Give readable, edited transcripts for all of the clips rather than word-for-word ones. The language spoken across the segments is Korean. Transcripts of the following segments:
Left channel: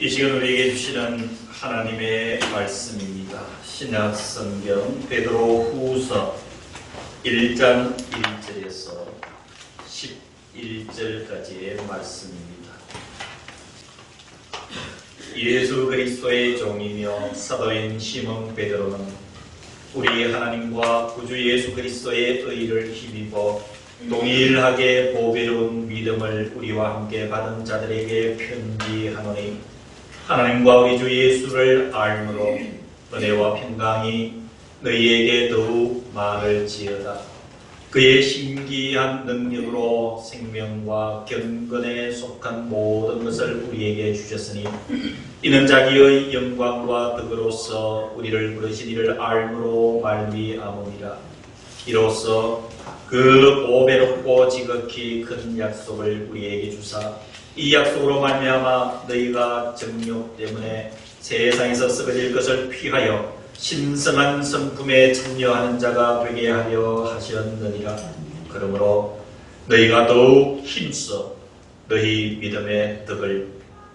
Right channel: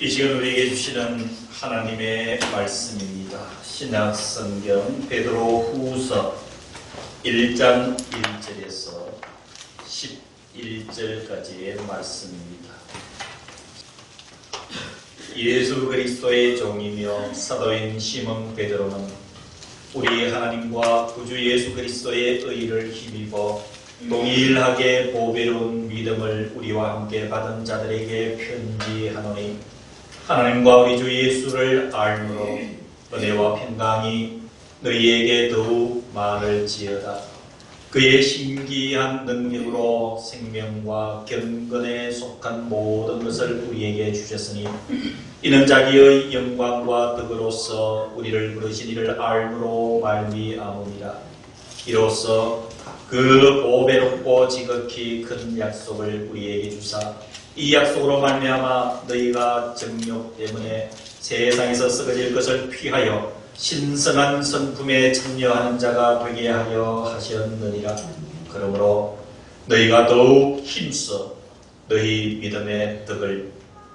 이 시간 우리에게 주시는 하나님의 말씀입니다. 신약성경 베드로후서 1장 1절에서 11절까지의 말씀입니다. 예수 그리스도의 종이며 사도인 시몬 베드로는 우리 하나님과 구주 예수 그리스도의 의를 힘입어 동일하게 보배로운 믿음을 우리와 함께 받은 자들에게 편지하노니, 하나님과 우리 주 예수를 알므로 은혜와 평강이 너희에게 더욱 많을지어다. 그의 신기한 능력으로 생명과 경건에 속한 모든 것을 우리에게 주셨으니, 이는 자기의 영광과 덕으로서 우리를 부르신 이를 알므로 말미암음이라. 이로써 그 보배롭고 지극히 큰 약속을 우리에게 주사, 이 약속으로 말미암아 너희가 정욕 때문에 세상에서 썩어질 것을 피하여 신성한 성품에 참여하는 자가 되게 하려 하셨느니라. 그러므로 너희가 더욱 힘써 너희 믿음의 덕을,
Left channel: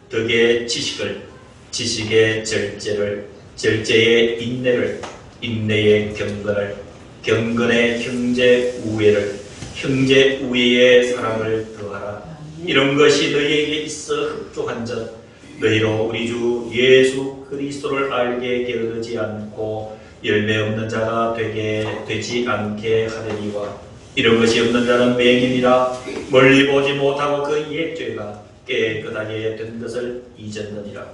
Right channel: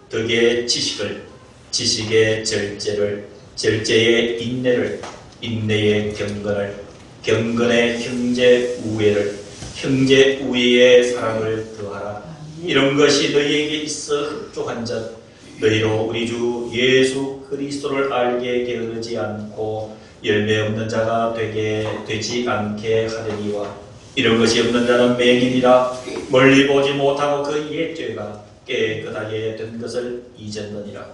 덕의 지식을, 지식의 절제를, 절제의 인내를, 인내의 경건을, 경건의 형제 우애를, 형제 우애의 사랑을 더하라. 이런 것이 너희에게 있어 흡족한 것, 너희로 우리 주 예수 그리스도를 알게 게으르지 않고 열매 없는 자가 되지 않게 하려니와, 이런 것이 없는 자는 맹인이라 멀리 보지 못하고 그 옛죄가 깨끗하게 된 것을 잊었느니라.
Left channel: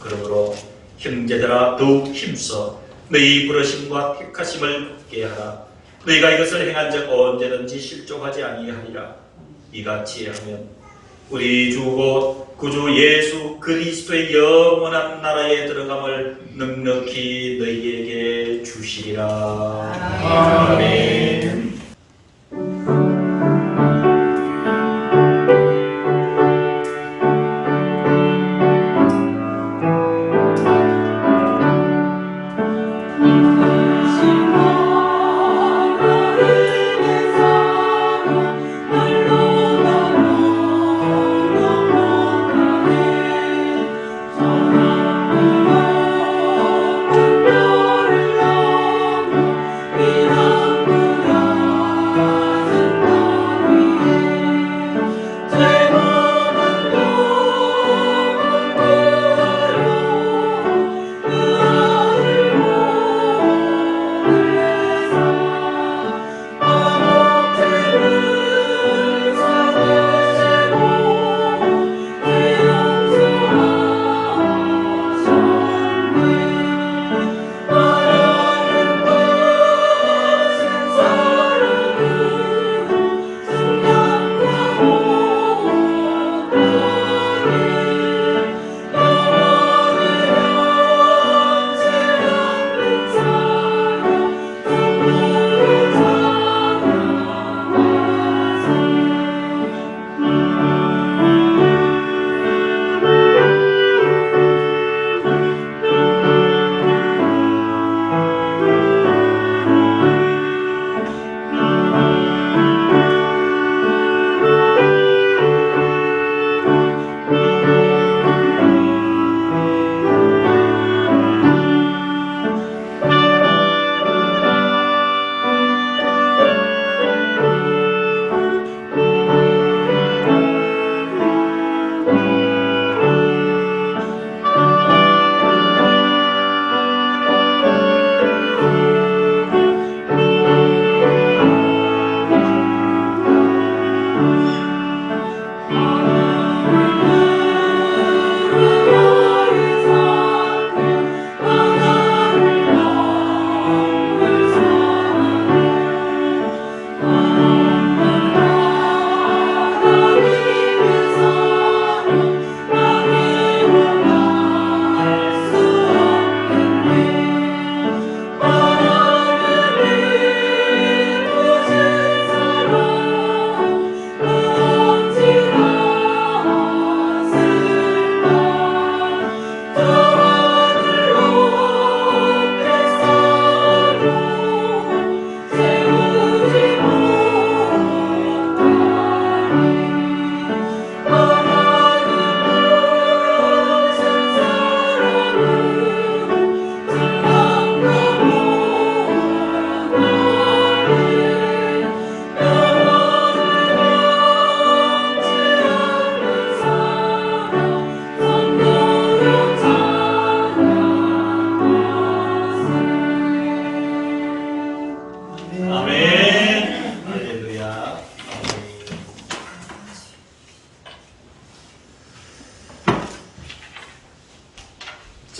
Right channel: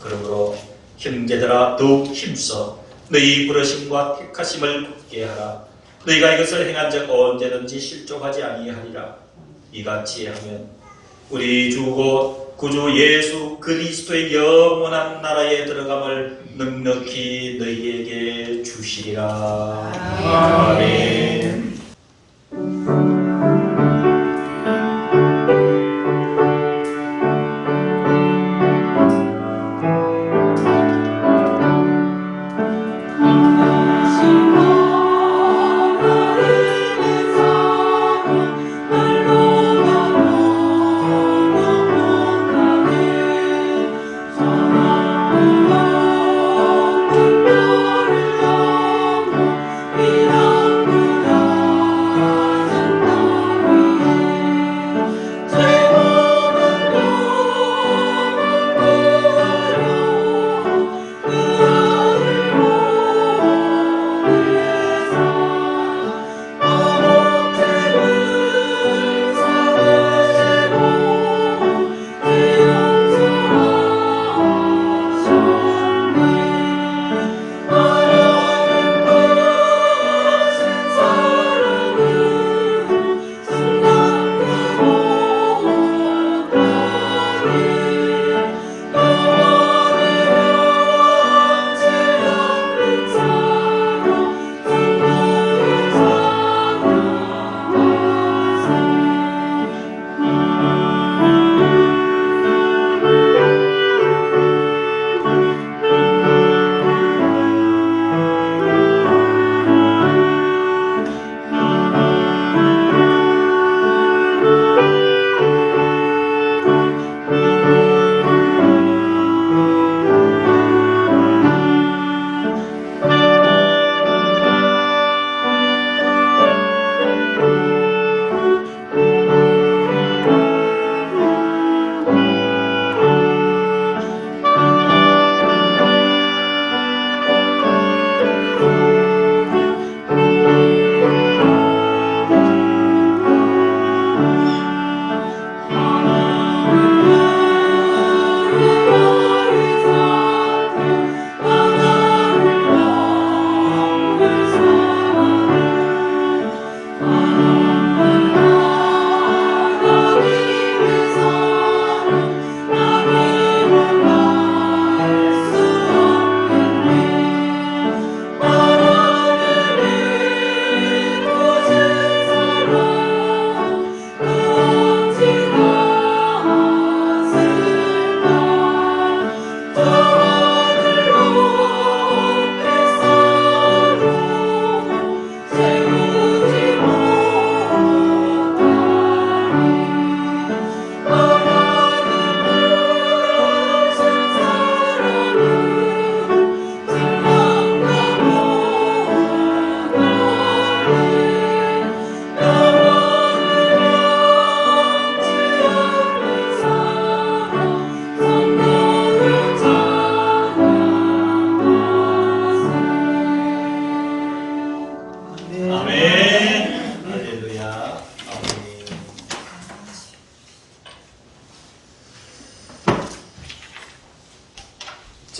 그러므로 형제들아, 더욱 힘써 너희 부르심과 택하심을 굳게 하라. 너희가 이것을 행한 적 언제든지 실족하지 아니하리라. 이같이 하면 우리 주 곧 구주 예수 그리스도의 영원한 나라에 들어감을 넉넉히 너희에게 주시리라. 아멘. 이런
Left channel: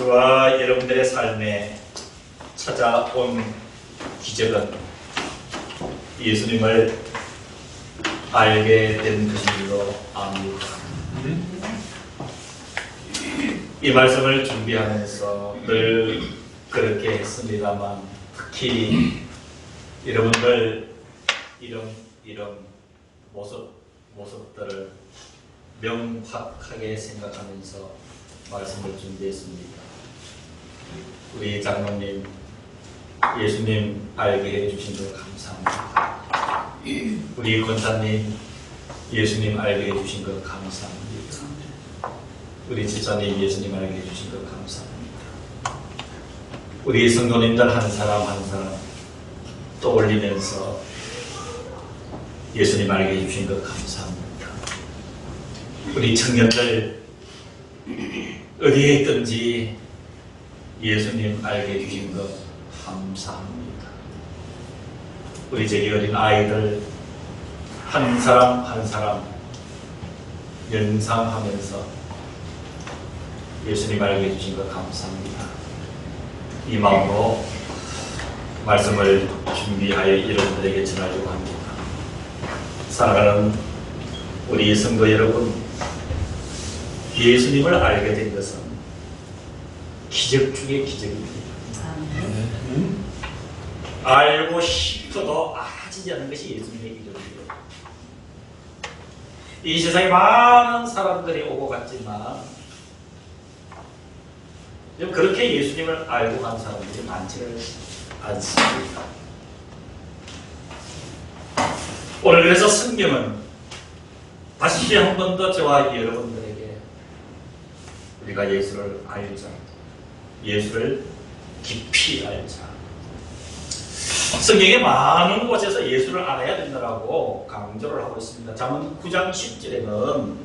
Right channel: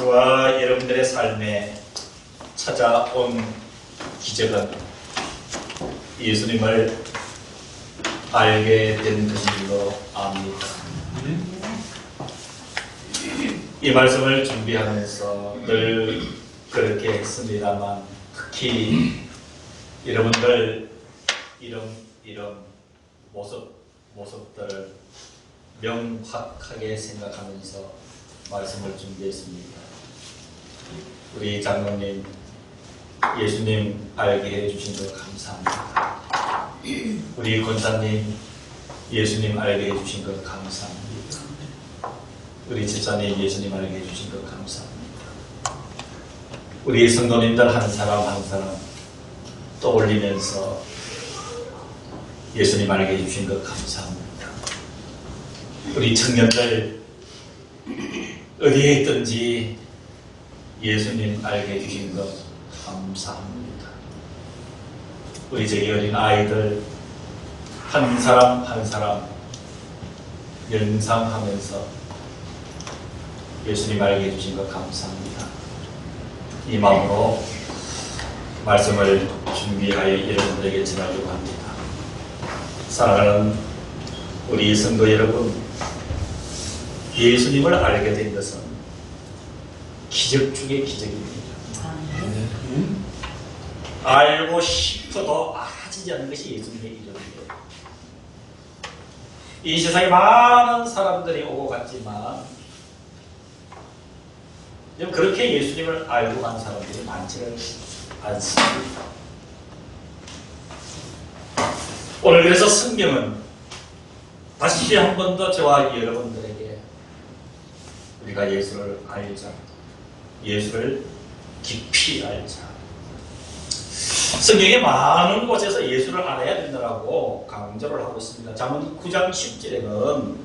저와 여러분들의 삶에 찾아온 기적은 예수님을 알게 된 것이기도 합니다. 이 말씀을 준비하면서 늘 그렇게 했습니다만, 특히 여러분들 이런 모습들을 명확하게 생각하면서 말씀을 준비했습니다. 우리 장로님, 예수님 알게 해주신 것 감사합니다. 우리 권사님, 예수님 알게 해주신 것 감사합니다. 우리 집사님, 예수님 알게 해주신 것 감사합니다. 우리 성도님들 한 사람 한 사람 떠올리면서 예수님 알게 해주신 것 감사합니다. 우리 청년들 어디에 있든지 예수님 알게 해주신 것 감사합니다. 우리 저기 어린 아이들 한 사람 한 사람 연상하면서 예수님 알게 해주신 것 감사합니다. 이 마음으로 말씀을 준비하여 여러분들에게 전하려고 합니다. 사랑하는 우리 성도 여러분, 예수님을 알게 된 것은 기적 중의 기적입니다. 알고 싶어도 알아지지 않는 것이 예수님의 이름이에요. 이 세상에 많은 사람들이 오고 갔지만 그렇게 예수님을 알고 간 사람들이 많지는 않습니다. 오늘 그래서 성경은 다시 한 번 더 저와 여러분들에게 우리가 예수를 알자, 예수를 깊이 알자. 성경에 많은 곳에서 예수를 알아야 된다고 강조를 하고 있습니다. 잠언 9장 10절에는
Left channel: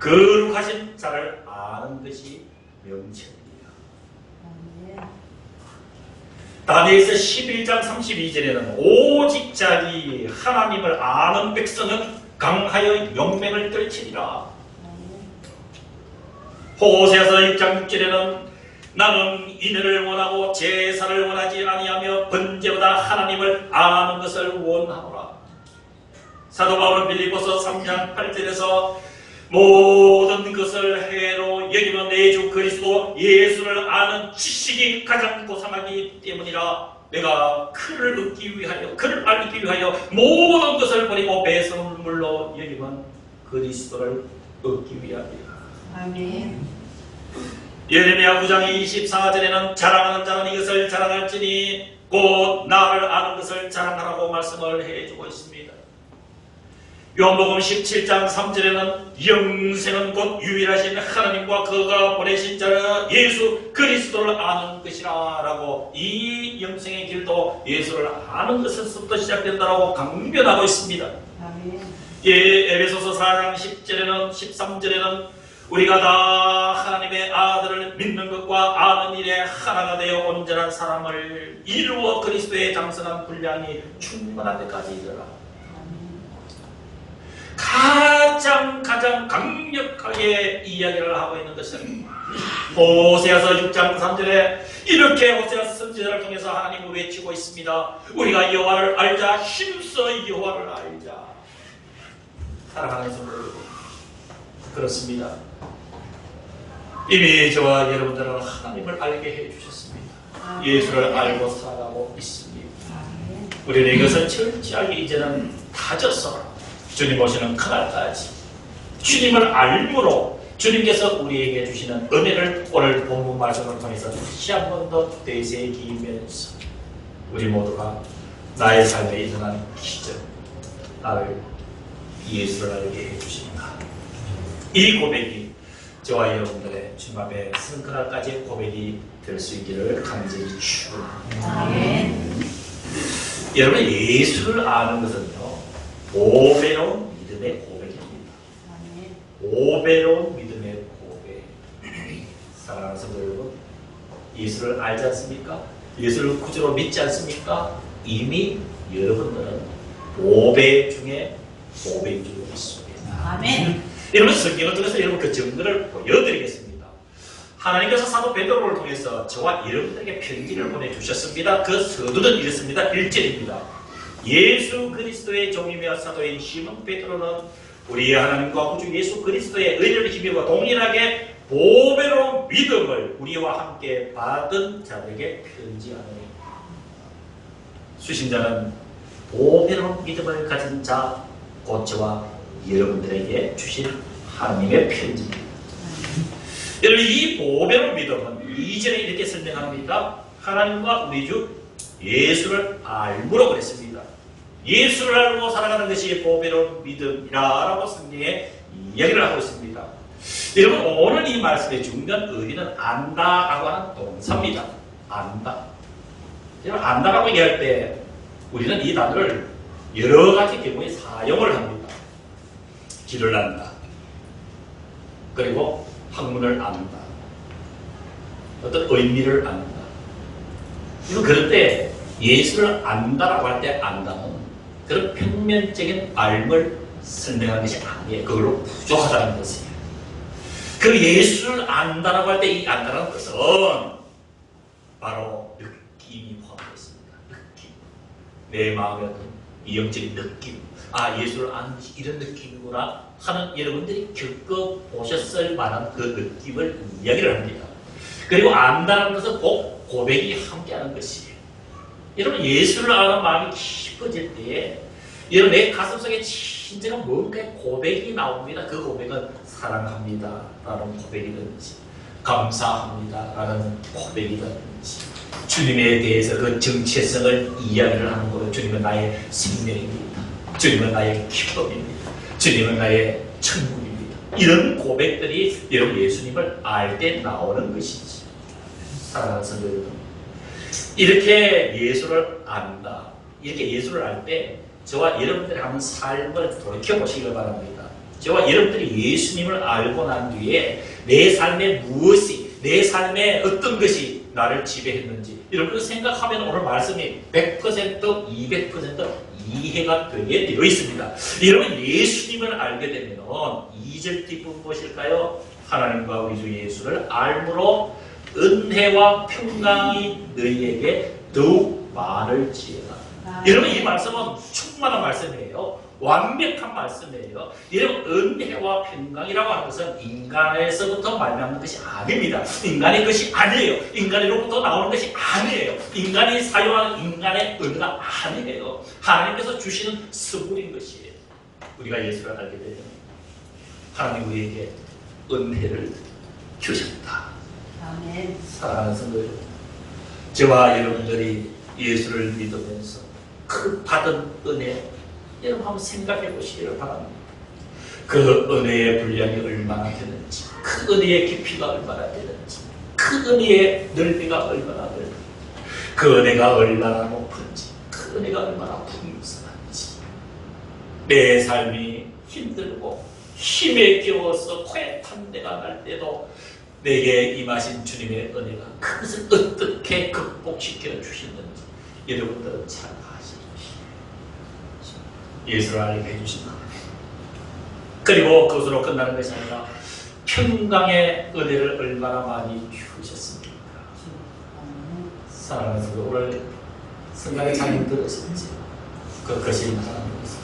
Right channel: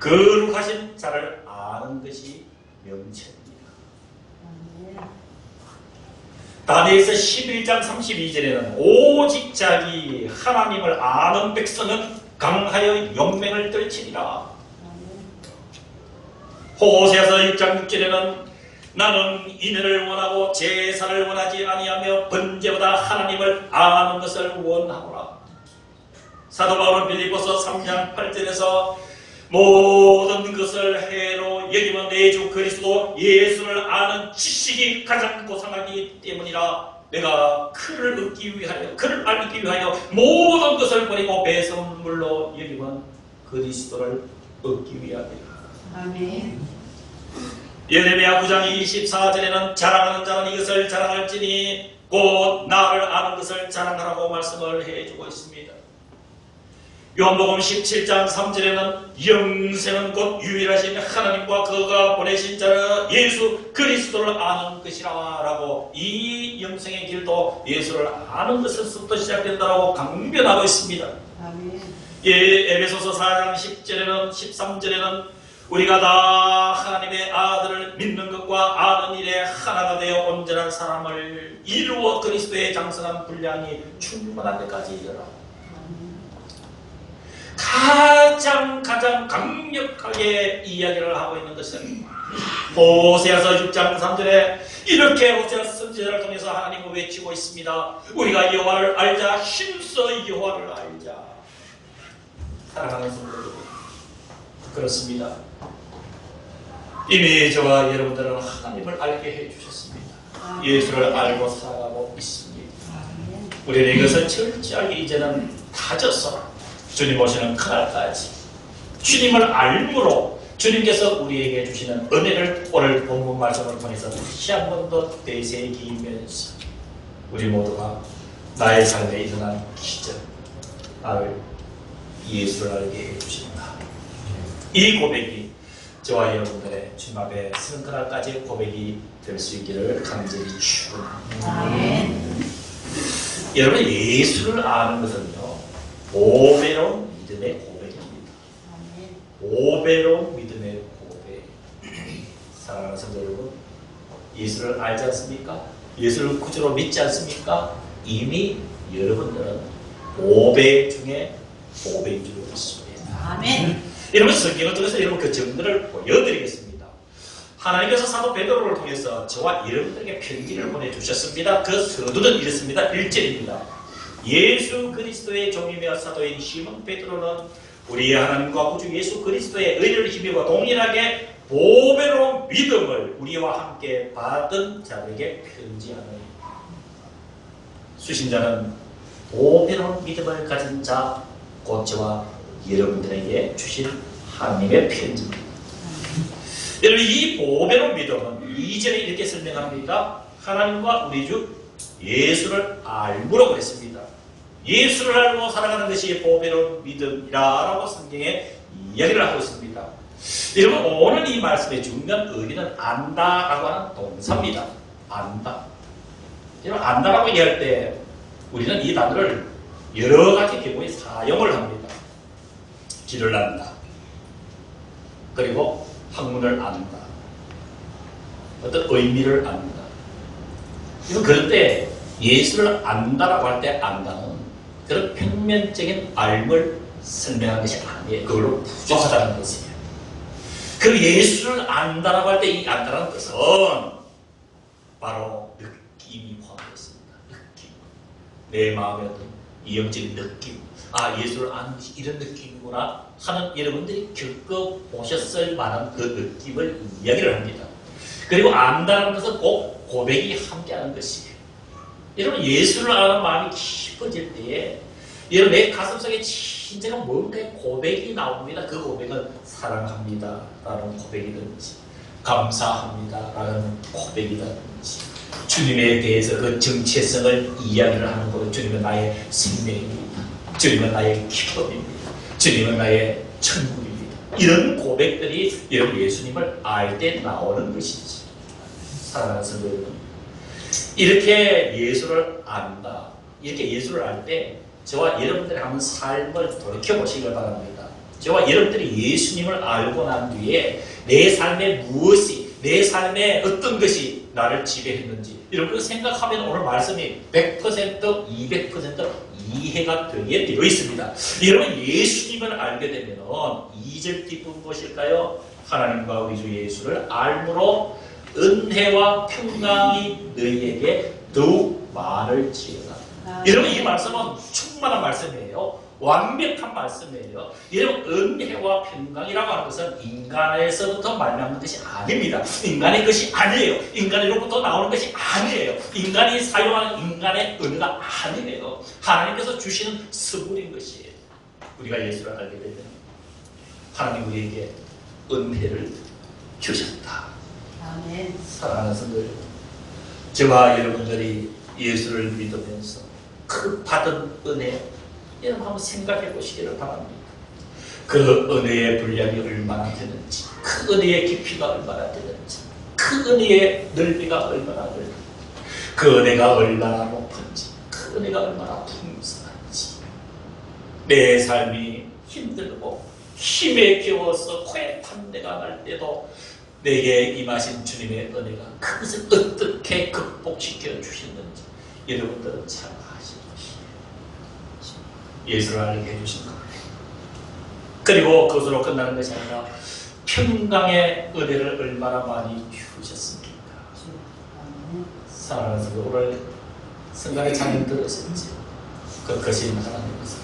거룩하신 자를 아는 것이 명철입니다. 다니엘서 11장 32절에는 오직 자기 하나님을 아는 백성은 강하여 용맹을 떨치리라. 호세아서 6장 6절에는 나는 인연을 원하고 제사를 원하지 아니하며 번제보다 하나님을 아는 것을 원하노라. 사도 바울은 빌립보서 3장 8절에서 모든 것을 해로 여기는 내 주 그리스도 예수를 아는 지식이 가장 고상하기 때문이라. 내가 그를 얻기 위하여, 그를 알기 위하여 모든 것을 버리고 배설물로 여기는 그리스도를 얻기 위함이라. 아멘. 예레미야 9장 24절에는 자랑하는 자는 이것을 자랑할지니 곧 나를 아는 것을 자랑하라고 말씀을 해주고 있습니다. 요한복음 17장 3절에는 영생은 곧 유일하신 하나님과 그가 보내신 자여 예수 그리스도를 아는 것이라 라고, 이 영생의 길도 예수를 아는 것에서부터 시작된다라고 강변하고 있습니다. 아멘. 에베소서 4장 10절에는 13절에는 우리가 다 하나님의 아들을 믿는 것과 아는 일에 하나가 되어 온전한 사람을 이루어 그리스도의 장성한 분량이 충만한 데까지 이르라. 가장 강력하게 이야기를 하고 있는 것은 호세아서 6장 3절에 이렇게 호세아 선지자를 통해서 하나님을 외치고 있습니다. 우리가 여호와를 알자, 힘써 여호와를 알자. 사랑하는 성도 여러분, 그렇습니다. 이미 저와 여러분들은 하나님을 알게 해주셨습니다. 예수를 알고 살아가고 있습니다. 우리는 이것을 철저하게 이제는 다져서 주님 오시는 그날까지 주님을 알므로 주님께서 우리에게 주시는 은혜를 오늘 본문 말씀을 통해서 다시 한 번 더 되새기면서 우리 모두가 나의 삶에 일어난 기적, 나를 예수를 알게 해주신다. 이 고백이 저와 여러분들의 주님 앞에 서는 그날까지 고백이 될 수 있기를 간절히 축원합니다. 여러분, 예수를 아는 것은요, 5배로운 믿음의 고백입니다. 5배로운 믿음의 고백. 사랑하는 성도 여러분, 예수를 알지 않습니까? 예수를 구주로 믿지 않습니까? 이미 여러분들은 5배 중에 5배인 줄 믿습니다. 아멘. 여러분, 성경을 통해서 여러분 그 증거를 보여드리겠습니다. 하나님께서 사도 베드로를 통해서 저와 여러분들에게 편지를 보내주셨습니다. 그 서두는 이렇습니다. 1절입니다. 예수 그리스도의 종이며 사도인 시몬 베드로는 우리 하나님과 구주 예수 그리스도의 의를 힘입어 동일하게 보배로운 믿음을 우리와 함께 받은 자에게 편지하노니. 수신자는 보배로운 믿음을 가진 자, 곧 저와 여러분들에게 주신 하나님의 편지입니다. 여러분, 이 보배로운 믿음은 2절에 이렇게 설명합니다. 하나님과 우리 주 예수를 알므로 그랬습니다. 예수를 알고 살아가는 것이 보배로운 믿음이라고 성경에 이야기를 하고 있습니다. 여러분, 오늘 이 말씀의 중요한 의미는 안다라고 하는 동사입니다. 안다. 여러분, 안다라고 얘기할 때 우리는 이 단어를 여러 가지 경우에 사용을 합니다. 길을 안다. 그리고 학문을 안다. 어떤 의미를 안다. 그럴 때 예수를 안다라고 할 때 안다는 그런 평면적인 알을 설명하는 것이 아니에요. 그걸로 부족하다는 것이에요. 그 예수를 안다라고 할 때 이 안다라는 것은 바로 느낌이 포함되어 있습니다. 느낌. 내 마음에 어떤 이형적인 느낌. 아, 예수를 아는 것이 이런 느낌이구나 하는 여러분들이 겪어보셨을 만한 그 느낌을 이야기를 합니다. 그리고 안다는 것은 꼭 고백이 함께하는 것이에요. 여러분, 예수를 아는 마음이 깊어질 때에 여러분 내 가슴속에 진정한 뭔가의 고백이 나옵니다. 그 고백은 사랑합니다 라는 고백이든지 감사합니다 라는 고백이든지 주님에 대해서 그 정체성을 이야기를 하는 것은 주님은 나의 생명입니다. 주님은 나의 기쁨입니다. 주님은 나의 천국입니다. 이런 고백들이 여러분 예수님을 알 때 나오는 것이지. 사랑하는 성도 여러분, 이렇게 예수를 안다, 이렇게 예수를 알 때 저와 여러분들이 하는 삶을 돌이켜보시길 바랍니다. 저와 여러분들이 예수님을 알고 난 뒤에 내 삶에 무엇이, 내 삶에 어떤 것이 나를 지배했는지 여러분 생각하면 오늘 말씀이 100%, 200% 이해가 되게 되어 있습니다. 여러분 예수님을 알게 되면 2절 뒷부분 무엇일까요? 하나님과 우리 주 예수를 알므로 은혜와 평강이 너희에게 더욱 많을지어다. 여러분 이 말씀은 충만한 말씀이에요. 완벽한 말씀이에요. 여러분 은혜와 평강이라고 하는 것은 인간에서부터 말미암는 것이 아닙니다. 인간의 것이 아니에요. 인간으로부터 나오는 것이 아니에요. 인간이 사용하는 인간의 은혜가 아니에요. 하나님께서 주시는 선물인 것이에요. 우리가 예수를 알게 되면 하나님 우리에게 은혜를 주셨다. 아멘. 사랑하는 성도 여러분, 저와 여러분들이 예수를 믿으면서 그 받은 은혜 여러분 한번 생각해 보시기를 바랍니다. 그 은혜의 분량이 얼마나 되는지, 그 은혜의 깊이가 얼마나 되는지, 그 은혜의 넓이가 얼마나 넓은지, 그 은혜가 얼마나 높은지, 그 은혜가 얼마나 풍성한지. 내 삶이 힘들고 힘에 겨워서 코에 탄내가 날 때도 내게 임하신 주님의 은혜가 그것을 어떻게 극복시켜 주셨는지 여러분들은 잘 아시는 것이에요. 예수를 알게 해주신 겁니다. 그리고 그것으로 끝나는 것이 아니라 평강의 은혜를 얼마나 많이 주셨습니까? 사랑하는 성도, 오늘 성경에 잘 들었었지. 그것이 하나님께서.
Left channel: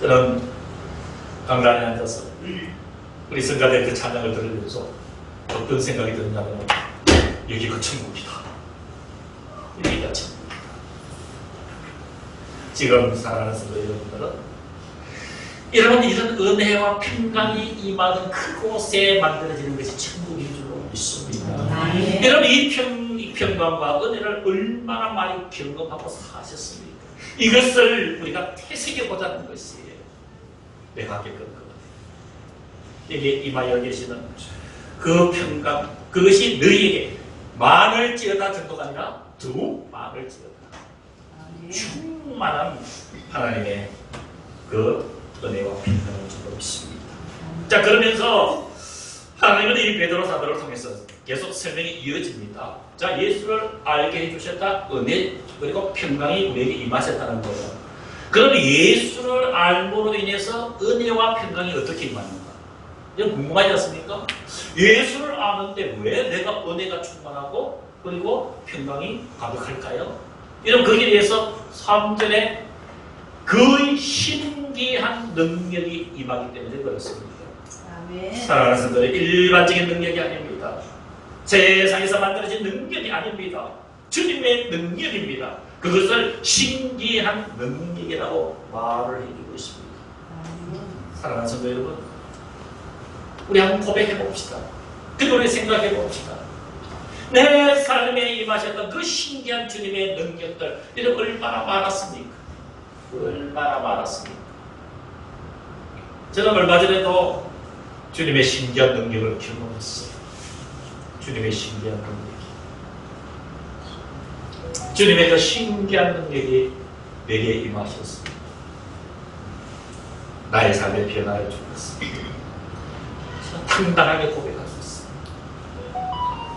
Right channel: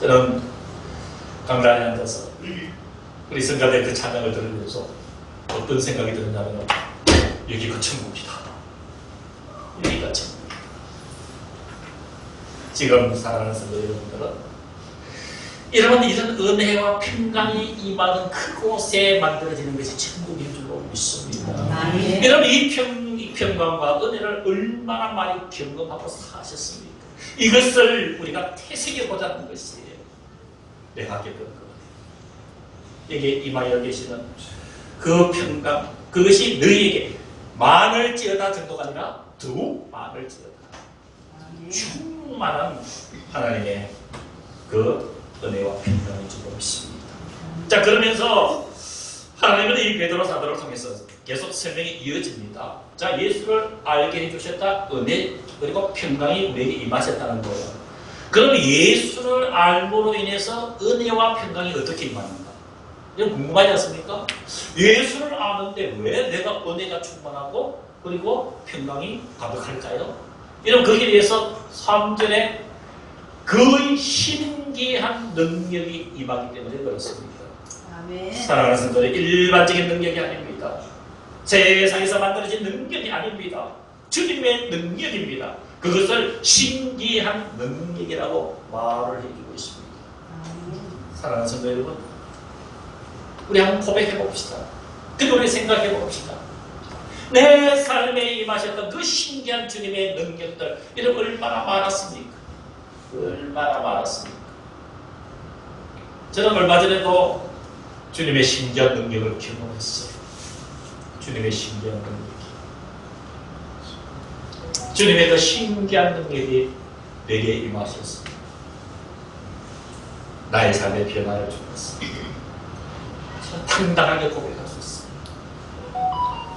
저는 강단에 앉아서 우리 성가대 그 찬양을 들으면서 어떤 생각이 드느냐면 여기가 천국이다. 여기가 천국이다. 지금 사랑하는 성도 여러분들은 이런 은혜와 평강이 임하는 그곳에 만들어지는 것이 천국인 줄로 믿습니다. 여러분 이 평강과 은혜를 얼마나 많이 경험하고 사셨습니까? 이것을 우리가 되새겨보자는 것이에요. 내가 겪은 것. 여기에 임하여 계시는 그 평강, 그것이 너희에게 많을지어다 정도가 아니라 더욱 많을지어다. 충만한 하나님의 그 은혜와 평강을 주고 있습니다. 자, 그러면서 하나님은 이 베드로 사도를 통해서 계속 설명이 이어집니다. 자, 예수를 알게 해주셨다. 은혜 그리고 평강이 우리에게 임하셨다는 거예요. 그럼 예수를 알므로 인해서 은혜와 평강이 어떻게 임하는가? 이거 궁금하지 않습니까? 예수를 아는데 왜 내가 은혜가 충만하고 그리고 평강이 가득할까요? 이런 거기에 대해서 3절에 그 신기한 능력이 임하기 때문에 그렇습니다. 아멘. 사랑하는 성도들, 일반적인 능력이 아닙니다. 세상에서 만들어진 능력이 아닙니다. 주님의 능력입니다. 그것을 신기한 능력이라고 말을 해주고 있습니다. 사랑하는 성도 여러분, 우리 한번 고백해 봅시다. 그리고 우리 생각해 봅시다. 내 삶에 임하셨던 그 신기한 주님의 능력들, 이런 얼마나 많았습니까? 얼마나 많았습니까? 저는 얼마 전에도 주님의 신기한 능력을 경험했어요. 주님의 신기한 능력이. 주님의 그 신기한 능력이 내게 임하셨습니다. 나의 삶의 변화를 주셨습니다. 저는 당당하게 고백할 수 있습니다.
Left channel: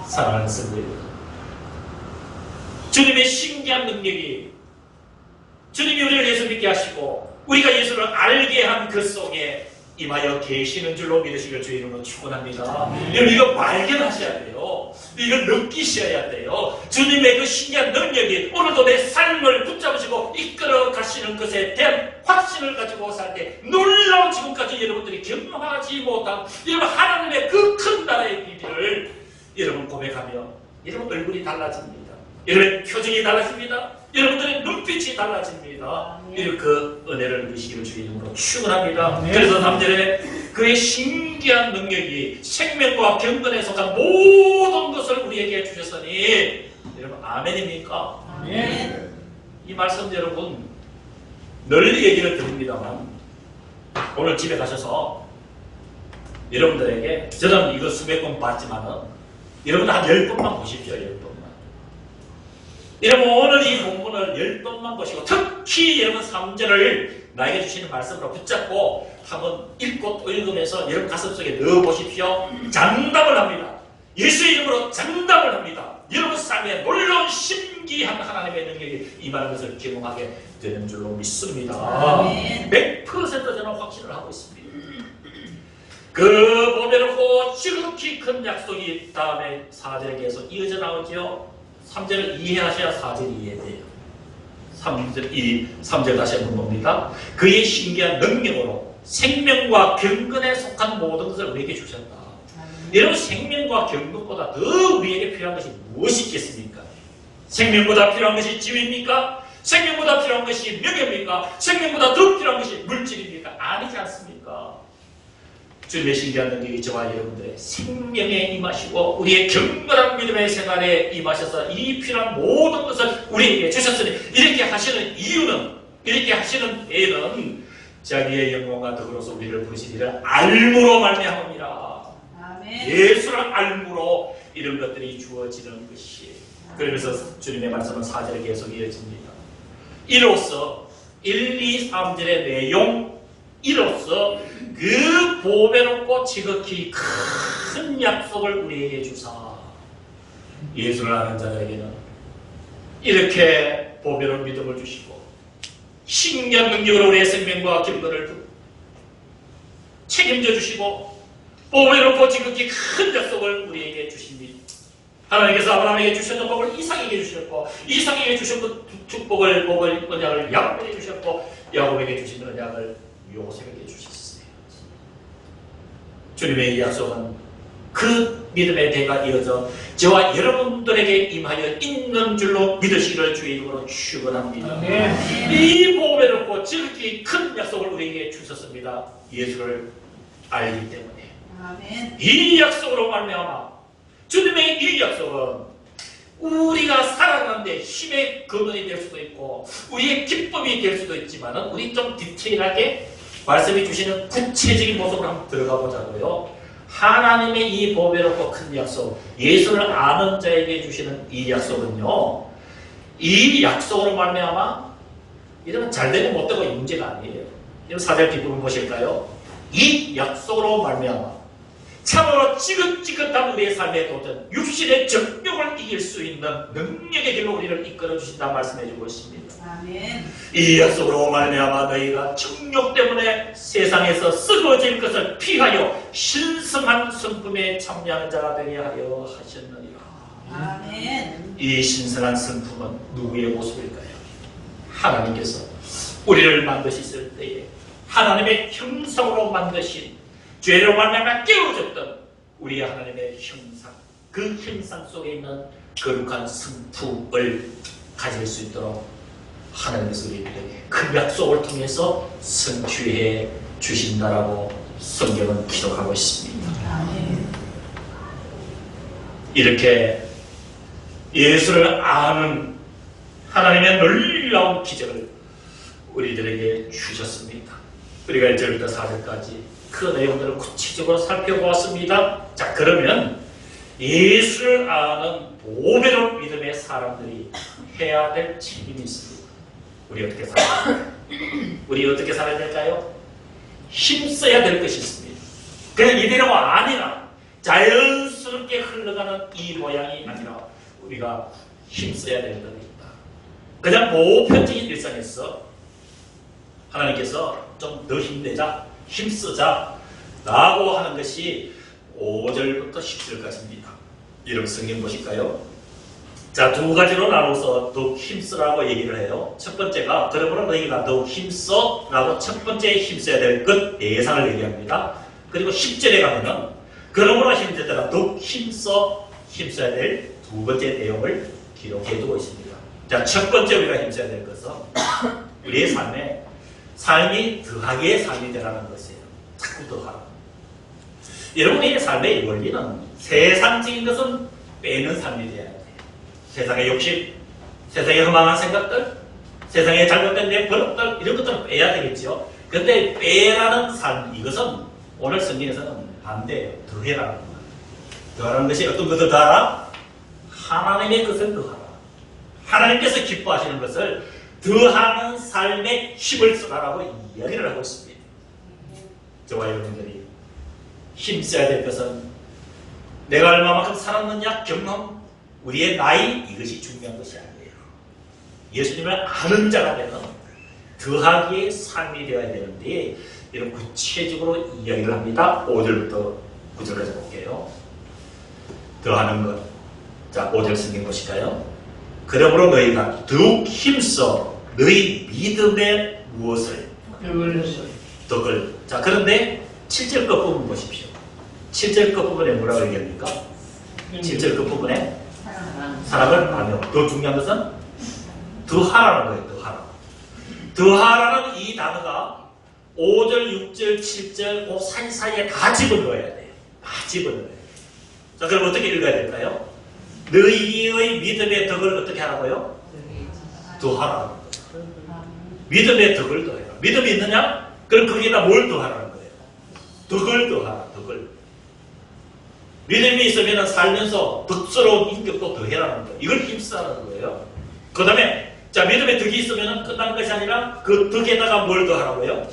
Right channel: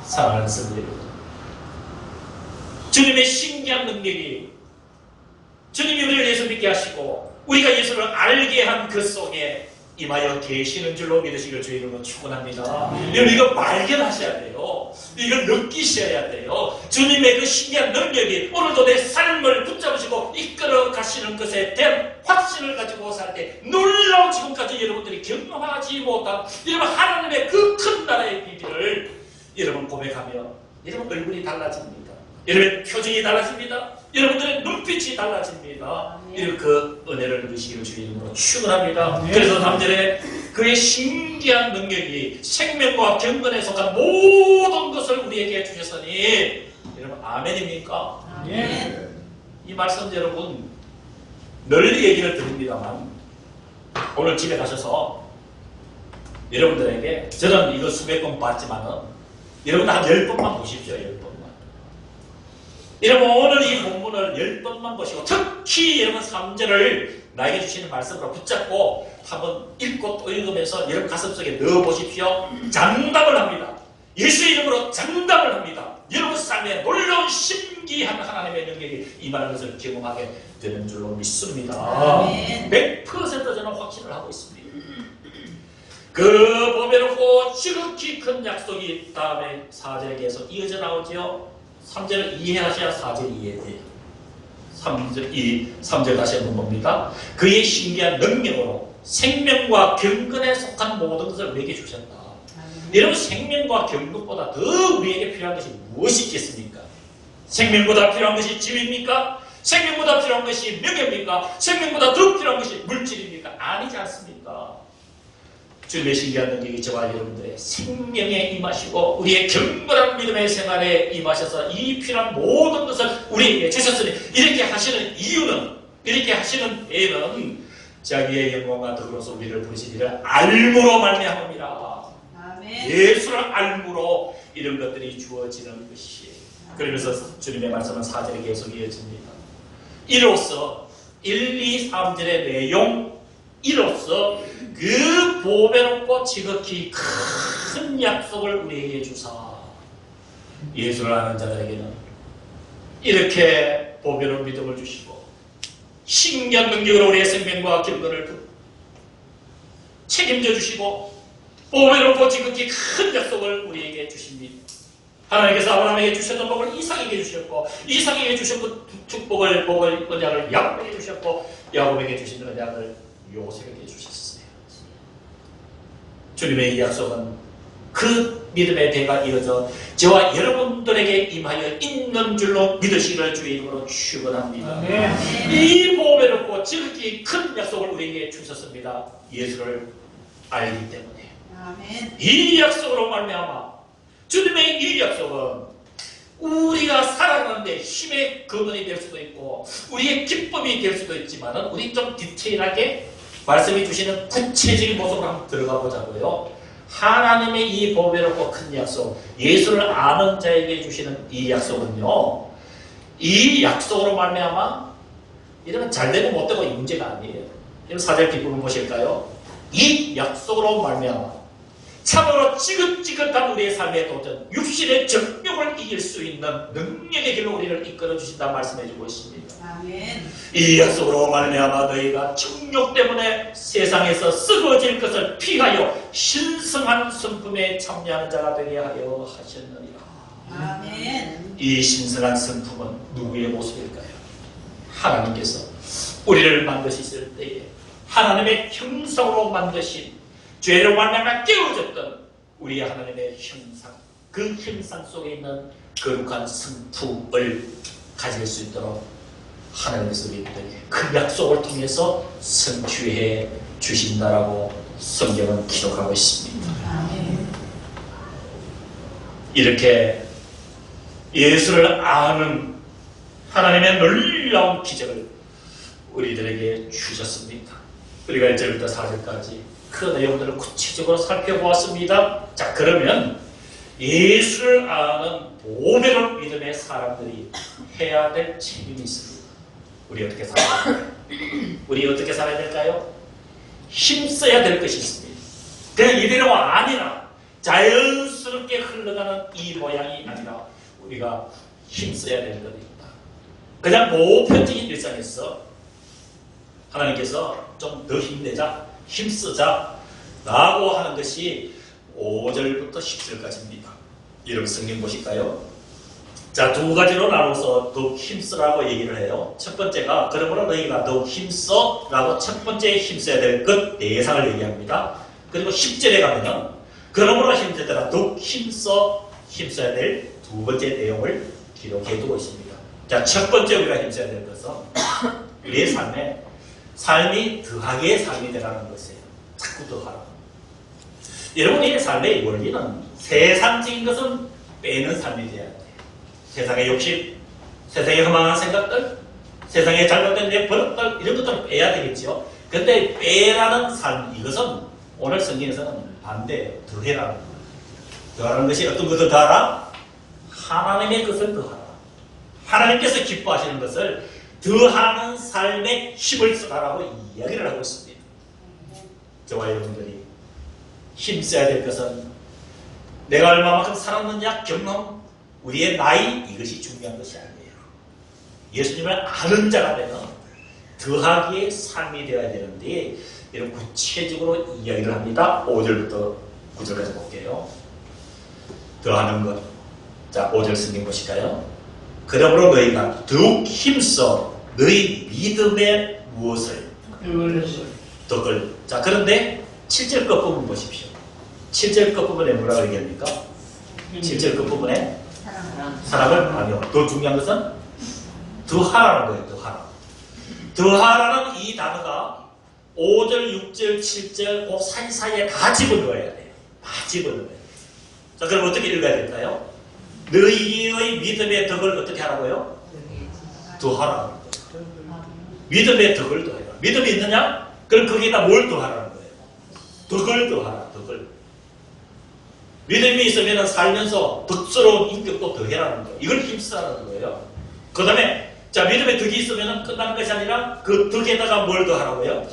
사랑하는 성도 여러분, 주님의 신기한 능력이, 주님이 우리를 예수 믿게 하시고 우리가 예수를 알게 한 그 속에 임하여 계시는 줄로 믿으시길 주의 이름으로 축원합니다. 여러분, 이거 발견하셔야 돼요. 이걸 느끼셔야 돼요. 주님의 그 신기한 능력이 오늘도 내 삶을 붙잡으시고 이끌어 가시는 것에 대한 확신을 가지고 살 때 놀라운 지금까지 여러분들이 경험하지 못한 여러분 하나님의 그 큰 나라의 비밀을 여러분 고백하며 여러분 얼굴이 달라집니다. 여러분의 표정이 달라집니다. 여러분들의 눈빛이 달라집니다. 이런 그 은혜를 누리시기를 주의 이름으로 축원합니다. 그래서 3절에 그의 신기한 능력이 생명과 경건에 속한 모든 것을 우리에게 주셨으니, 여러분 아멘입니까? 아멘. 이 말씀 여러분 널리 얘기를 드립니다만 오늘 집에 가셔서 여러분들에게, 저는 이거 수백 번 봤지만은 여러분 한 10번만 보십시오. 10번만. 여러분 오늘 이 본문을 10번만 보시고 특히 여러분 3절을 나에게 주시는 말씀으로 붙잡고 한번 읽고 또 읽으면서 여러분 가슴속에 넣어보십시오. 장담을 합니다. 예수 이름으로 장담을 합니다. 여러분 삶에 놀라운 신기한 하나님의 능력이 임하는 것을 경험하게 되는 줄로 믿습니다. 100% 저는 확신을 하고 있습니다. 그 보면은 지극히 큰 약속이 다음에 4절에 계속 이어져 나오죠. 3절을 이해하셔야 4절이 이해돼요. 3절 다시 한번 봅니다. 그의 신기한 능력으로 생명과 경건에 속한 모든 것을 우리에게 주셨다. 여러분 생명과 경건보다 더 우리에게 필요한 것이 무엇이 있겠습니까? 생명보다 필요한 것이 지위입니까? 생명보다 필요한 것이 명예입니까? 생명보다 더 필요한 것이 물질입니까? 아니지 않습니까? 주님의 신기한 능력이 저와 여러분들의 생명에 임하시고 우리의 경건한 믿음의 생활에 임하셔서 이 필요한 모든 것을 우리에게 주셨으니, 이렇게 하시는 이유는, 이렇게 하시는 애는 자기의 영광과 더불어서 우리를 부르시리라 알므로 말미암음이라. 예수를 알므로 이런 것들이 주어지는 것이에요. 그러면서 주님의 말씀은 4절에 계속 이어집니다. 이로써 1, 2, 3절의 내용, 이로써 그 보배롭고 지극히 큰 약속을 우리에게 주사, 예수를 아는 자들에게는 이렇게 보배로운 믿음을 주시고 신기한 능력으로 우리의 생명과 경건을 책임져 주시고 보배롭고 지극히 큰 약속을 우리에게 주십니다. 하나님께서 아브라함에게 주셨던 복을 이삭에게 주셨고, 이삭에게 주셨던 축복을, 언약을 야곱에게 주셨고, 야곱에게 주신 언약을 요셉에게 주셨어요. 주님의 이 약속은 그 믿음의 대가 이어져 저와 여러분들에게 임하여 있는 줄로 믿으시기를 주의 이름으로 축원합니다. 이 보배롭고 지극히 큰 약속을 우리에게 주셨습니다. 예수를 알기 때문에. 아멘. 이 약속으로 말미암아 주님의 이 약속은 우리가 살아가는데 힘의 근원이 될 수도 있고 우리의 기쁨이 될 수도 있지만 우리 좀 디테일하게 말씀해 주시는 구체적인 모습으로 한번 들어가 보자고요. 하나님의 이 보배롭고 큰 약속, 예수를 아는 자에게 주시는 이 약속은요, 이 약속으로 말미암아 이러면 잘되고 못되고 이 문제가 아니에요. 이런 4절 뒷부분 보실까요? 이 약속으로 말미암아 참으로 지긋지긋한 우리의 삶의 도전, 육신의 정욕을 이길 수 있는 능력의 길로 우리를 이끌어 주신다 말씀해 주고 있습니다. 아멘. 이 약속으로 말미암아 너희가 정욕 때문에 세상에서 썩어질 것을 피하여 신성한 성품에 참여하는 자가 되게 하여 하셨느니라. 아멘. 이 신성한 성품은 누구의 모습일까요? 하나님께서 우리를 만드셨을 때에 하나님의 형상으로 만드신 죄로 말미암아 깨어졌던 우리의 하나님의 형상, 그 형상 속에 있는 거룩한 성품을 가질 수 있도록 하나님께서 우리들에게 그 약속을 통해서 성취해 주신다라고 성경은 기록하고 있습니다. 아멘. 이렇게 예수를 아는 하나님의 놀라운 기적을 우리들에게 주셨습니다. 우리가 1절부터 4절까지 그 내용들을 구체적으로 살펴보았습니다. 자, 그러면 예수를 아는 보배로운 믿음의 사람들이 해야 될 책임이 있습니다. 우리 어떻게 살아야 될까요? 우리 어떻게 살아야 될까요? 힘써야 될 것이 있습니다. 그냥 이대로 아니라 자연스럽게 흘러가는 이 모양이 아니라 우리가 힘써야 될 것입니다. 그냥 보편적인 일상에서 하나님께서 좀 더 힘내자, 힘쓰자 라고 하는 것이 5절부터 10절까지입니다. 이런 성경 보실까요? 자, 두 가지로 나눠서 더욱 힘쓰라고 얘기를 해요. 첫 번째가 그러므로 너희가 더욱 힘써 라고 첫 번째 힘써야 될 것 대상을 얘기합니다. 그리고 10절에 가면은 그러므로 힘쓰더라 더욱 힘써야 될 두 번째 내용을 기록해 두고 있습니다. 자, 첫 번째 우리가 힘써야 될 것은 우리의 삶이 더하기의 삶이 되라는 것이에요. 자꾸 더하라. 여러분의 삶의 원리는 세상적인 것은 빼는 삶이 되어야 돼요. 세상의 욕심, 세상의 허망한 생각들, 세상의 잘못된 내 버릇들 이런 것들은 빼야 되겠죠. 그런데 빼라는 삶, 이것은 오늘 성경에서는 반대예요. 더해라는 거예요. 더하는 것이 어떤 것을 더하라? 하나님의 것을 더하라. 하나님께서 기뻐하시는 것을 더하는 삶에 힘을 써라라고 이야기를 하고 있습니다. 저와 여러분들이 힘써야 될 것은 내가 얼마만큼 살았느냐 경험, 우리의 나이 이것이 중요한 것이 아니에요. 예수님을 아는 자가 되는 더하기의 삶이 되어야 되는데 이런 구체적으로 이야기를 합니다. 5절부터 9절까지 볼게요. 더하는 것. 자, 5절 성경 보실까요? 그러므로 너희가 더욱 힘써 너희 믿음의 무엇을 덕을. 자, 그런데 7절 끝부분 보십시오. 7절 끝부분에 뭐라고 얘기합니까? 7절 끝부분에 사랑을 하며, 더 중요한 것은 더하라는 거예요. 더하라. 더하라는 이 단어가 5절, 6절, 7절 그 사이사이에 다 집어넣어야 돼요. 다 집어넣어야 돼요. 자, 그럼 어떻게 읽어야 될까요? 너희의 믿음의 덕을 어떻게 하라고요? 더하라는 거예요. 믿음의 덕을 더해라. 믿음이 있느냐? 그럼 거기에다 뭘 더하라는 거예요? 덕을 더하라. 덕을. 믿음이 있으면 살면서 덕스러운 인격도 더해라는 거예요. 이걸 힘쓰라는 거예요. 그 다음에 자, 믿음의 덕이 있으면 끝난 것이 아니라 그 덕에다가 뭘 더하라고요?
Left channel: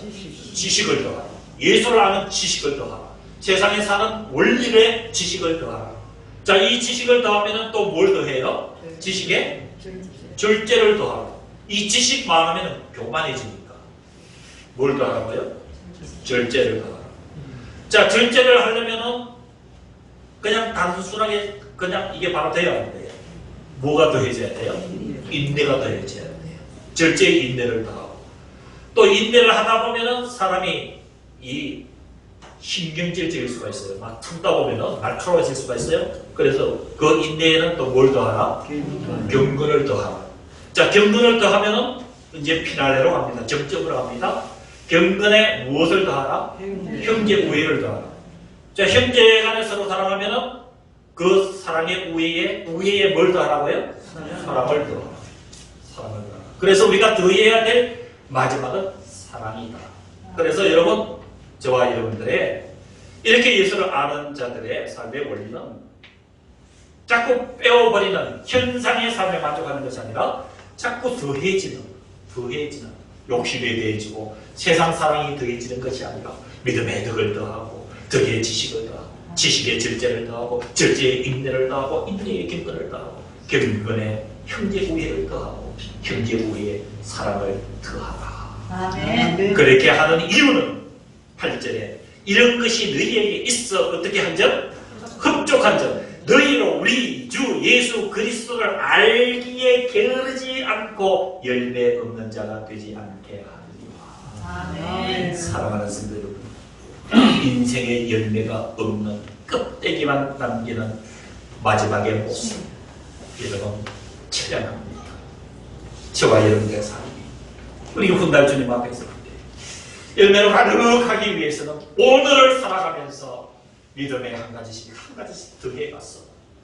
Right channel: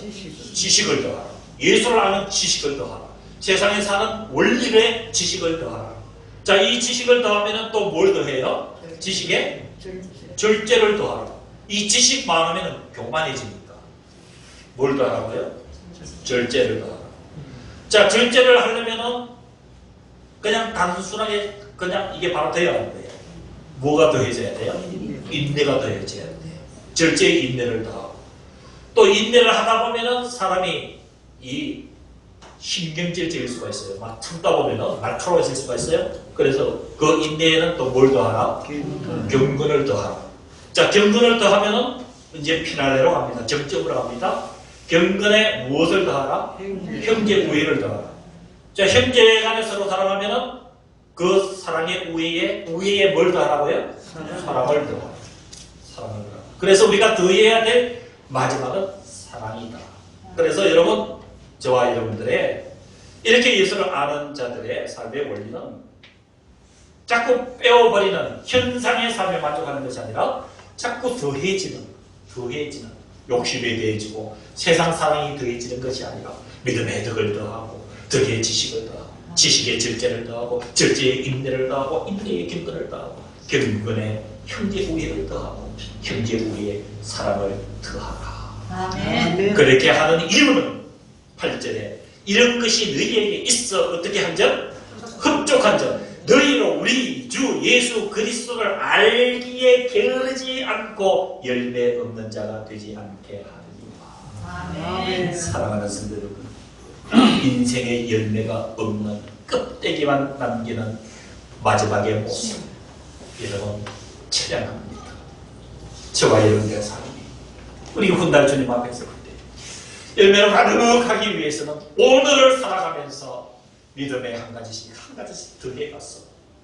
지식을 더하라. 예수를 아는 지식을 더하라. 세상에 사는 원리의 지식을 더하라. 자, 이 지식을 더하면 또 뭘 더해요? 지식에 절제를 더하라. 이 지식 많으면 교만해지니까 뭘 더하라고요? 절제를 더하라. 자, 절제를 하려면은 그냥 단순하게 그냥 이게 바로 돼야 하는 거예요. 뭐가 더해져야 돼요? 인내가 더해져야 돼요. 절제의 인내를 더하고 또 인내를 하다 보면은 사람이 이 신경질적일 수가 있어요. 막 참다 보면은 날카로워질 수가 있어요. 그래서 그 인내에는 또 뭘 더하라? 경건을 더하라. 자, 경건을 더하면은 이제 피날레로 갑니다. 정점으로 갑니다. 경건에 무엇을 더하라? 형제 우애를 더하라. 자, 형제 간에 서로 사랑하면은 그 사랑의 우애에 뭘 더하라고요? 사랑을 더하라. 사랑을 더하라. 그래서 우리가 더해야 될 마지막은 사랑이다. 그래서 여러분, 저와 여러분들의 이렇게 예수를 아는 자들의 삶의 원리는 자꾸 빼어버리는 현상의 삶에 만족하는 것이 아니라 자꾸 더해지는 욕심이 더해지고 세상 사랑이 더해지는 것이 아니라 믿음의 덕을 더하고 덕의 지식을 더하고 지식의 절제를 더하고 절제의 인내를 더하고 인내의 경건을 더하고 경건의 형제 우애를 더하고 형제 우애의 사랑을 더하라. 아멘. 그렇게 하는 이유는 8절에 이런 것이 너희에게 있어 어떻게 한점? 흡족한 점. 너희로 우리 주 예수 그리스도를 알기에 게으르지 않고 열매 없는 자가 되지 않게 하리라. 아멘. 사랑하는 성도 여러분, 인생의 열매가 없는 껍데기만 남기는 마지막의 모습, 여러분 처량합니다. 저와 여러분의 삶이 우리 훗날 주님 앞에 설 때 열매를 가득하기 위해서는 오늘을 살아가면서 믿음의 한 가지씩 더해가서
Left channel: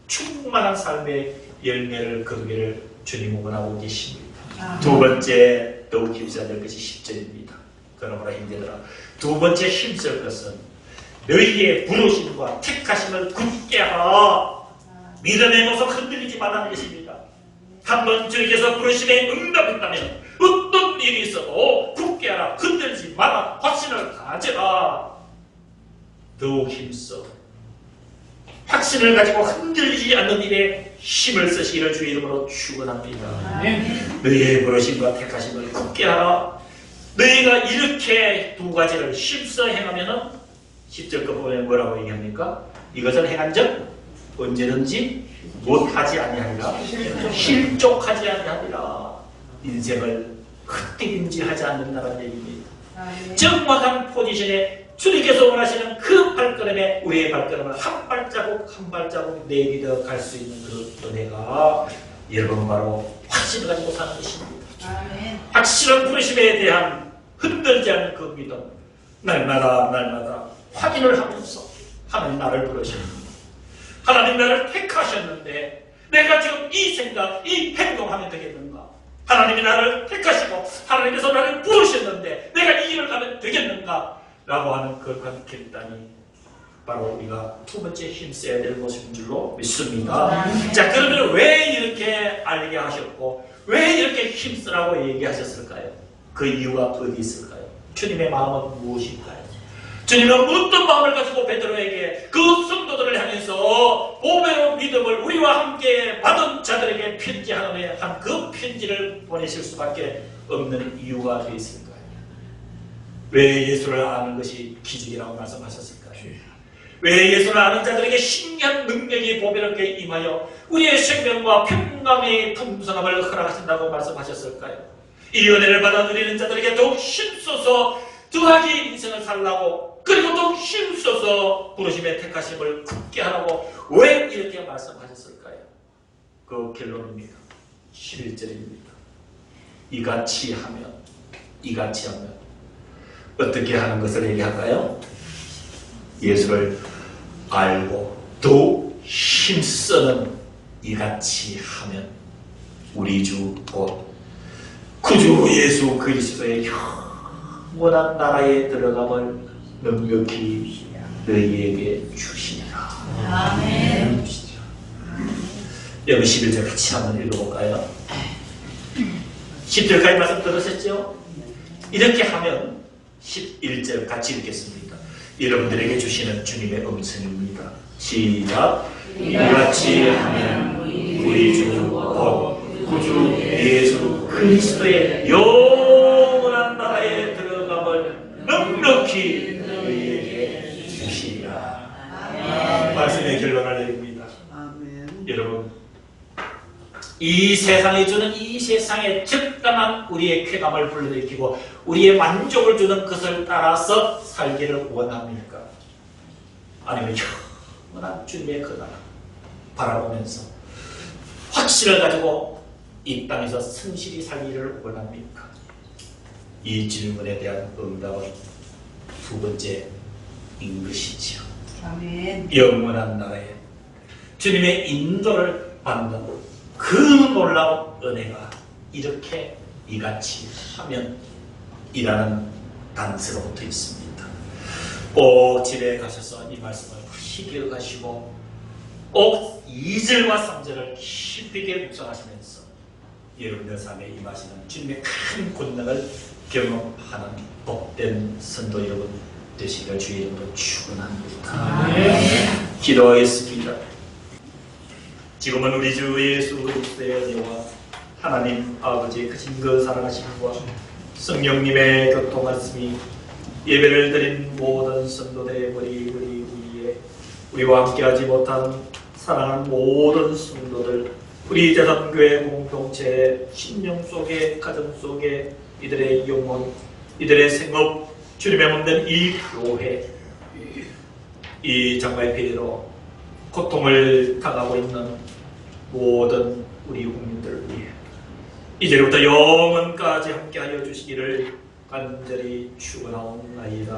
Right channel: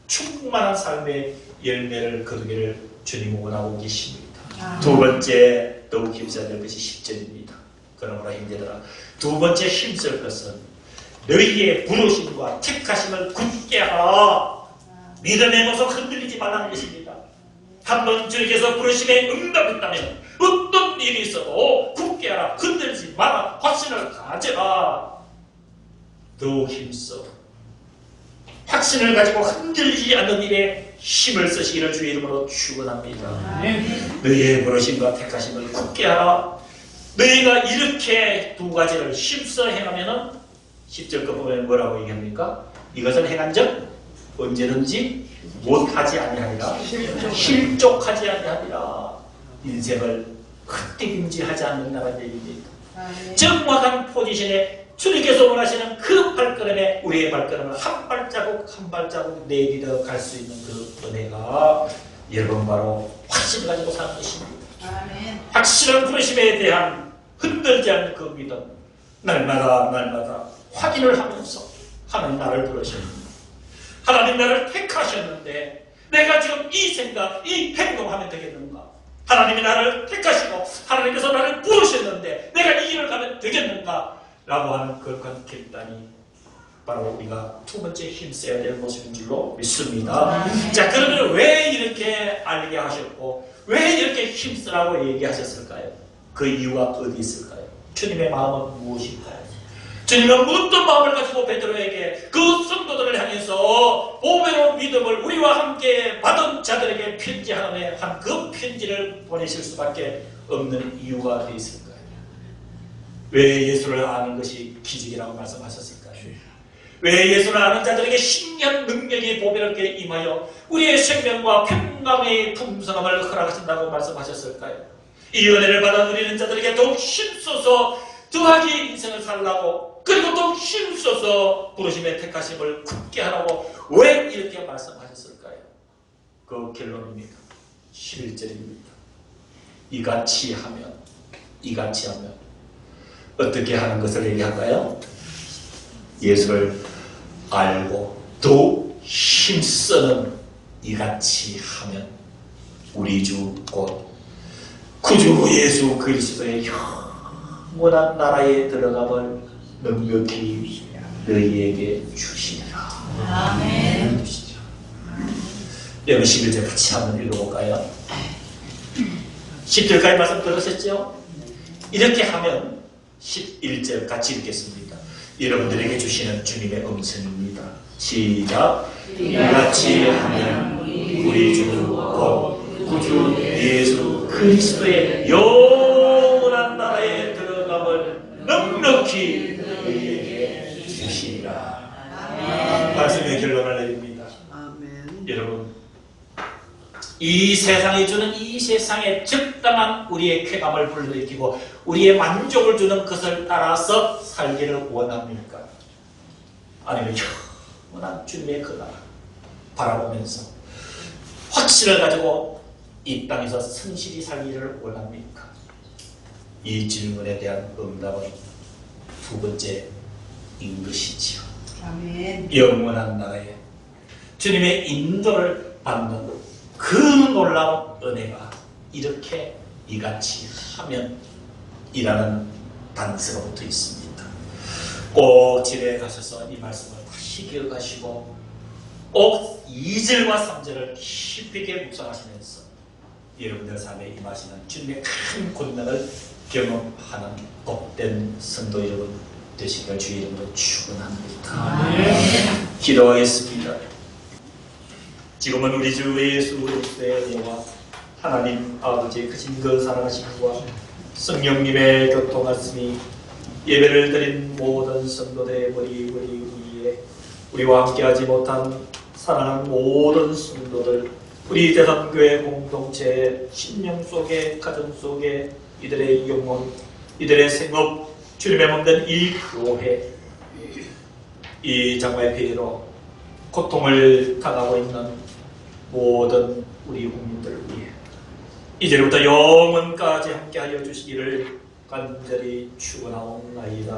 충만한 삶의 열매를 거두기를 주님 원하고 계십니다. 두 번째 더욱 힘써야 될 것이 10절입니다. 그러므로 힘들더라. 두 번째 힘쓸 것은 너희의 부르심과 택하심을 굳게 하라. 믿음의 모습 흔들리지 말라는 것입니다. 한번 주님께서 부르심에 응답했다면 어떤 일이 있어도 굳게 하라. 흔들리지 마라. 확신을 가져라. 더욱 힘써 확신을 가지고 흔들리지 않는 일에 힘을 쓰시기를 주의 이름으로 축원합니다. 너희의 부르심과 택하심을 굳게 하라. 너희가 이렇게 두 가지를 힘써 행하면은 10절 거 보면 뭐라고 얘기합니까? 이것을 행한 적 언제든지 못하지 아니하리라. 실족하지 아니하리라. 인생을 헛디딤질하지 않는다는 얘기입니다. 정확한 포지션에 주님께서 원하시는 그 발걸음에 우리의 발걸음을 한 발자국 한 발자국 내딛어 갈 수 있는 그 은혜가 여러분 바로 확신을 가지고 사는 것입니다. 확실한 부르심에 대한 흔들지 않는 그 믿음, 날마다 확인을 하면서 하나님 나를 부르셨는데 하나님 나를 택하셨는데 내가 지금 이 생각, 이 행동하면 되겠는가? 하나님이 나를 택하시고 하나님께서 나를 부르셨는데 내가 이 길을 가면 되겠는가? 라고 하는 그 결단이 바로 우리가 두 번째 힘써야 될 모습인 줄로 믿습니다. 자, 그러면 왜 이렇게 알게 하셨고 왜 이렇게 힘쓰라고 얘기하셨을까요? 그 이유가 어디 있을까요? 주님의 마음은 무엇일까요? 주님은 어떤 마음을 가지고 베드로에게 그 성도들을 향해서 보배로 믿음을 우리와 함께 받은 자들에게 편지하는 한 그 편지를 보내실 수밖에 없는 이유가 어디 있을까요? 왜 예수를 아는 것이 기적이라고 말씀하셨을까요? 왜 예수를 아는 자들에게 신기한 능력이 보배롭게 임하여 우리의 생명과 평강의 풍성함을 허락하신다고 말씀하셨을까요? 이 은혜를 받은 우리는 자들에게 더욱 힘써서 더하기 인생을 살라고 그리고 더욱 힘써서 부르심의 택하심을 굳게 하라고 왜 이렇게 말씀하셨을까요? 그 결론입니다. 11절입니다. 이같이 하면 어떻게 하는 것을 얘기할까요? 예수를 알고 또 힘쓰는 이같이 하면 우리 주 곧 구주 예수 그리스도의 영원한 나라에 들어감을 넉넉히 너희에게 주시리라. 아멘. 여기 11절 같이 한번 읽어볼까요? 10절까지 말씀 들으셨죠? 이렇게 하면 11절 같이 읽겠습니다. 여러분들에게 주시는 주님의 음성입니다. 시작. 이같이 하면 우리 주 곧 구주 예수 그리스도의 영원한 나라에 들어감을 넉넉히 너희에게 주시리라. 말씀의 결론을 내립니다. 여러분, 이 세상이 주는 이 세상에 적당한 우리의 쾌감을 불러일으키고 우리의 만족을 주는 것을 따라서 살기를 원합니까? 아니면 영원한 주님의 그 나라 바라보면서 확신을 가지고 이 땅에서 성실히 살기를 원합니까? 이 질문에 대한 응답은 두 번째인 것이지요. 아멘. 영원한 나라에 주님의 인도를 받는 그 놀라운 은혜가 이렇게 이같이 하면 이라는 단서가 붙어 있습니다. 꼭 집에 가셔서 이 말씀을 다시 기억하시고 꼭 2절과 3절을 깊이 있게 묵상하시면서 여러분들 삶에 임하시는 주님의 큰 권능을 경험하는 복된 성도 여러분 되시며 주의 이름으로 축원합니다. 기도하겠습니다. 지금은 우리 주 예수 그리스도의 은혜와 하나님 아버지의 크신 그 사랑하심과 성령님의 교통하심이 예배를 드린 모든 성도들의 머리 위에 우리와 함께하지 못한 사랑하는 모든 성도들, 우리 대한교회 공동체의 심령 속에, 가정 속에 이들의 영혼, 이들의 생업, 주님의 몸된 이 교회, 이 장마의 피해로 고통을 당하고 있는 모든 우리 국민들을 위해 이제부터 영원까지 함께하여 주시기를 간절히 축원하옵나이다.